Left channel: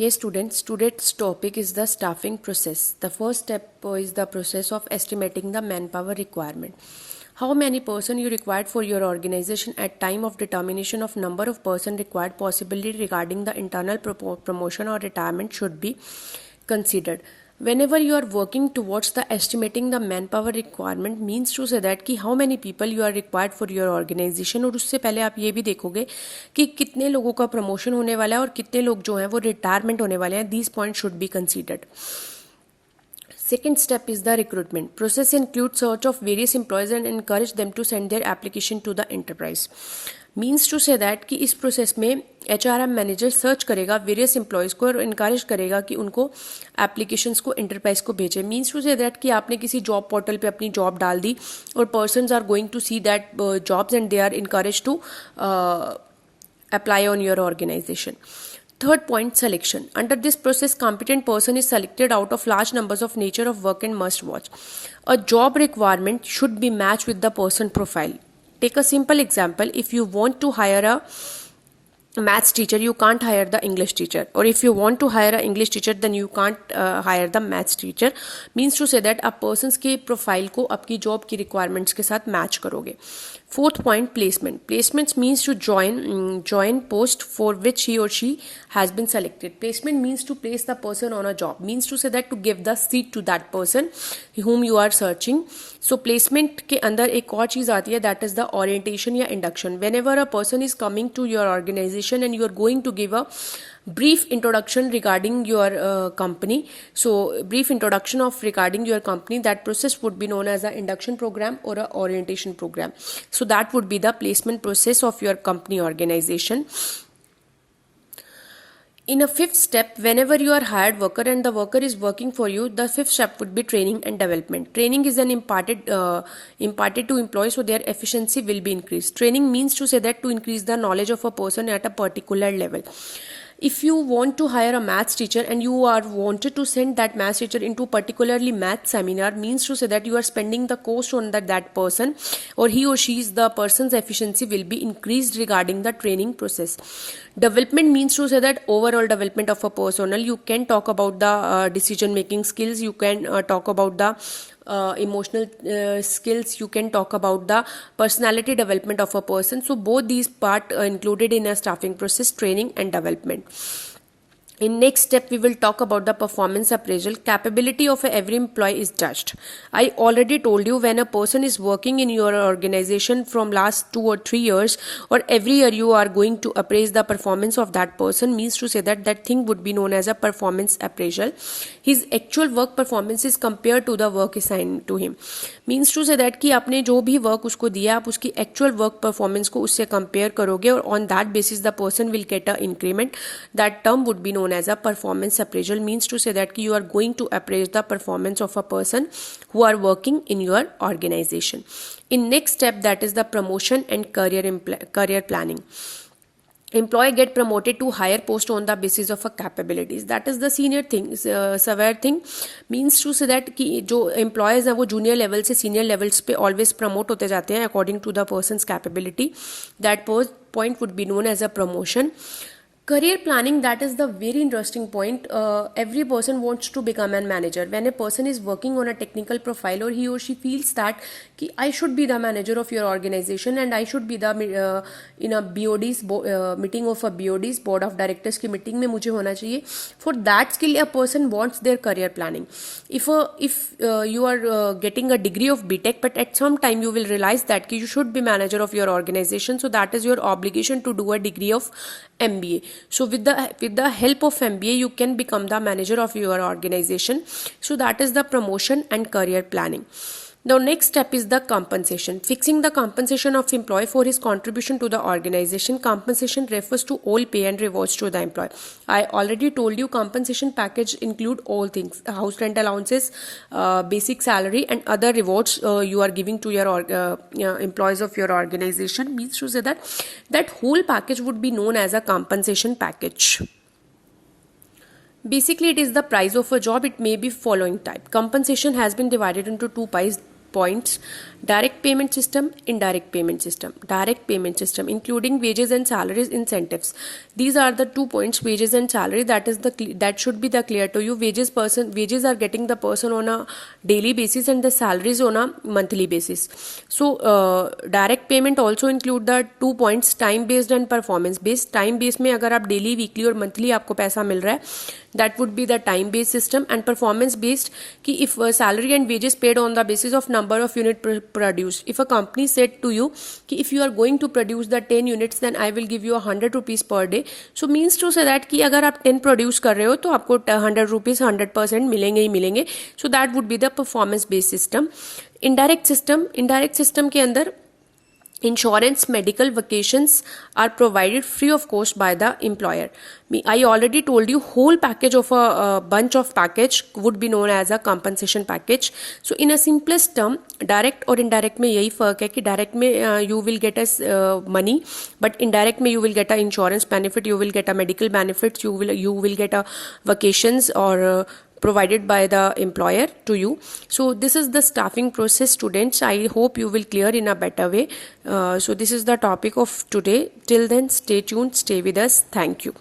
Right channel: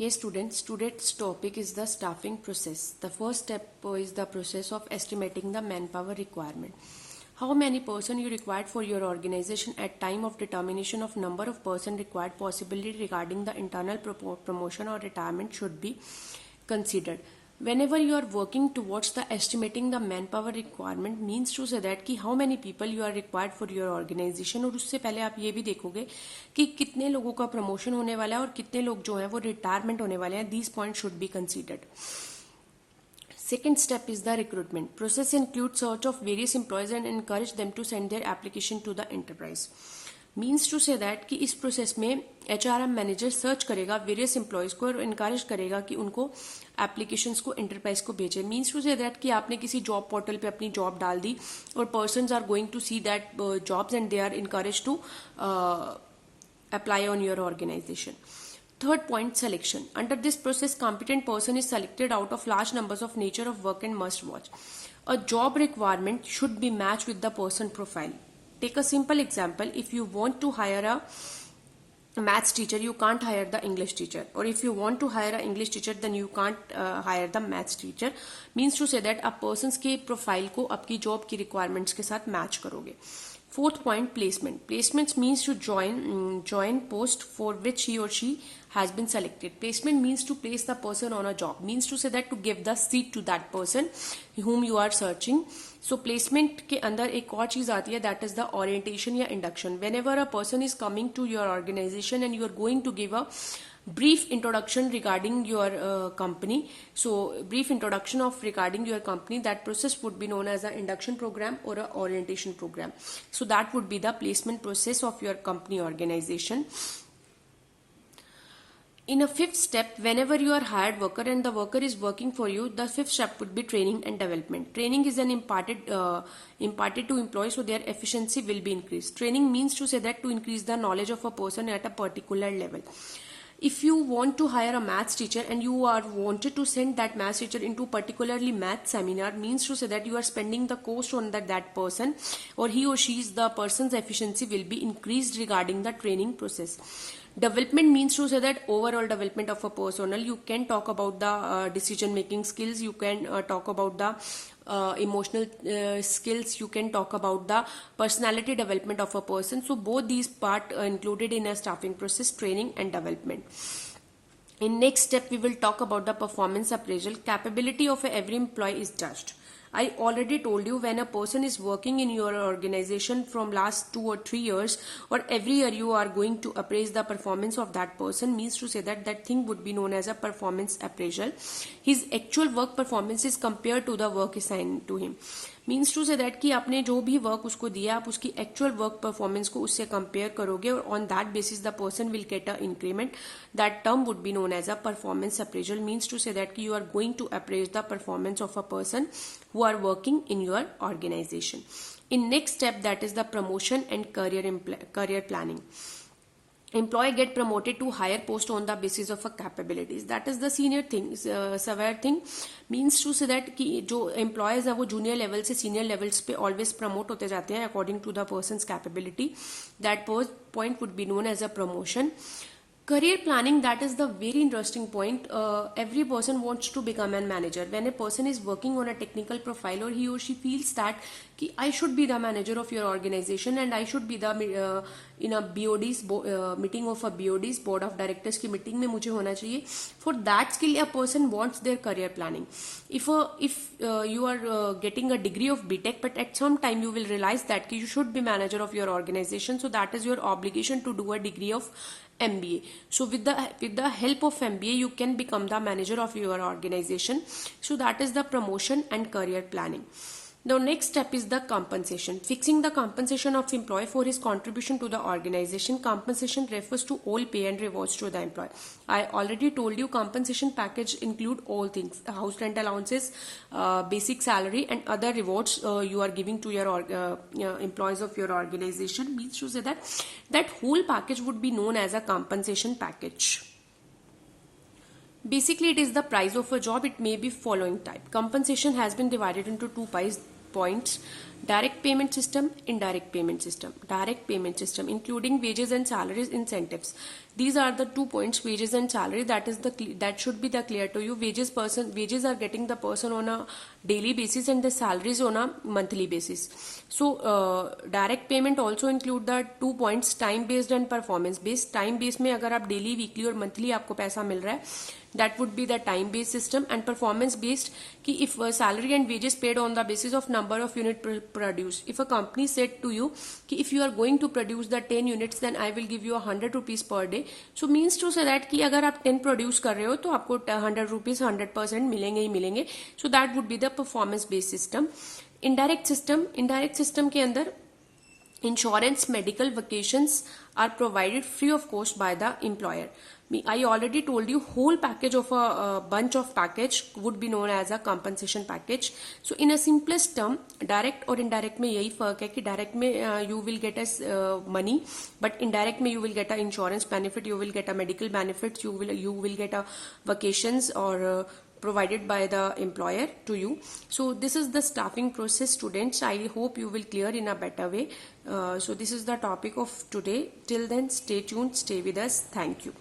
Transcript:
Yes, students, today's topic is the staffing process. The first step is the process of estimating the manpower requirement. How many person you required for your organization at time of determination of number of person required, possibility regarding the internal promotion or retirement should be considered. Whenever you are working towards the estimating the manpower requirement means to say that कि how many people you are required for your organization, और उससे पहले आप ये भी देखोगे कि कितने लोगों का प्रमोशन होने वाला है और कितने लोग जो हैं वो रिटायरमेंट होने वाले हैं. These points should be considered. Second step is the recruitment. Process includes search of various employees and encourage them to send their application to the enterprise. Means to say that कि इस process में HRM manager search करेगा various employees को और encourage करेगा कि उनको applications को एंटरप्राइज को भेजें. मीन्स टू से दैट कि आपने किसी जॉब पोर्टल पे अपनी जॉब डाल दी और persons are going to see that jobs and they are encourage to apply on your organisation. Third point, selection. Under this process, competent person is selected out of large numbers of nature of work and must watch. A job requirement should be matched with the person profile. Take a simple example. If you want to hire a maths teacher, you can't hire the English teacher. Or if you want to hire an English teacher, then you can't hire the maths teacher. Means to say that आप persons के profile को आपकी job की requirements के साथ match करोगे. Fourth point, placement. Placements means to join post for which he or she has been selected. Placement means to place the person on a job. Means to say that to give the seat to that person whom you are searching. So placement के अंदर एक और चीज़ आती है, that is the orientation या induction. Whenever a person is coming to your organization and you are going to give a brief introduction regarding your company, so brief introduction of regarding your company, that process would be known as an induction program or a orientation program. So that would be the placement process of your company organization. In a fifth step, whenever you are hired worker and the worker is working for you, the fifth step would be training and development. Training is an imparted to employees so their efficiency will be increased. Training means to say that to increase the knowledge of a person at a particular level. If you want to hire a maths teacher and you are wanted to send that maths teacher into particularly math seminar, means to say that you are spending the cost on that person, or he or she is the person's efficiency will be increased regarding the training process. Development means to say that overall development of a personnel. You can talk about the decision making skills, you can talk about the emotional skills, you can talk about the personality development of a person. So both these part included in a staffing process, training and development. In next step, we will talk about the performance appraisal. Capability of every employee is judged. I already told you, when a person is working in your organization from last 2 or 3 years, or every year you are going to appraise the performance of that person, means to say that that thing would be known as a performance appraisal. His actual work performance is compared to the work assigned to him. Means to say that कि आपने जो भी work उसको दिया, आप उसकी actual work performance को उससे कंपेयर करोगे और on that basis the person will get a increment. That term would be known as a performance appraisal. Means to say that कि you are going to appraise the performance of a person who are working in your organization. In next step, that is the promotion and career planning. Employee get promoted to higher post on the basis of a capabilities. That is the senior thing, severe thing. Means to say that कि जो employees हैं वो junior level से senior levels पे always promote होते जाते हैं according to the person's capability. That point would be known as a promotion. Career planning, that is the very interesting point. Every person wants to become a manager. When a person is working on a technical profile, or he or she feels that कि I should be the manager of your organization and I should be the in a BOD's meeting of a BOD's board of directors की meeting में मुझे होना चाहिए. For that skill, a person wants their career planning. If you are getting a degree of BTech, but at some time you will realize that कि you should be manager of your organization, so that is your obligation to do a degree of MBA. So with the help of MBA, you can become the manager of your organization. So that is the promotion and career planning. The next step is the compensation. Fixing the compensation of employee for his contribution to the organization. Compensation refers to all pay and rewards to the employee. I already told you compensation package include all things: house rent allowances, basic salary, and other rewards you are giving to your employees of your organization. Means to say that whole package would be known as a compensation package. Basically, it is the price of a job. It may be following type. Compensation has been divided into two points. Direct payment system, indirect payment system. Direct payment system, including wages and salaries, incentives. These are the 2 points, wages and salary. That should be the clear to you. Wages are getting the person on a daily basis and the salaries on a monthly basis. So direct payment also include the 2 points, time based and performance based. Time based में अगर आप daily, weekly और monthly आपको पैसा मिल रहा है, that would be the time based system. And performance based कि if salary and wages paid on the basis of number of unit produced. If a company said to you कि if you are going to produce the 10 units then I will give you 100 rupees per day, so means to say that कि अगर आप 10 produce कर रहे हो तो आपको 100 rupees 100% मिलेंगे ही मिलेंगे. So that would be the performance based system. Indirect system के अंदर insurance, medical, vacations are provided free of cost by the employer. I already told you whole package of a bunch of package would be known as a compensation package. So in a simplest term, direct और indirect में यही फर्क है कि direct में you will get as money, but indirect में you will get a insurance benefit, you will get a medical benefits, you will get a vacations or provided by the employer to you. So this is the staffing process, students. I hope you will clear in a better way. So this is the topic of today. Till then, stay tuned, stay with us. Thank you.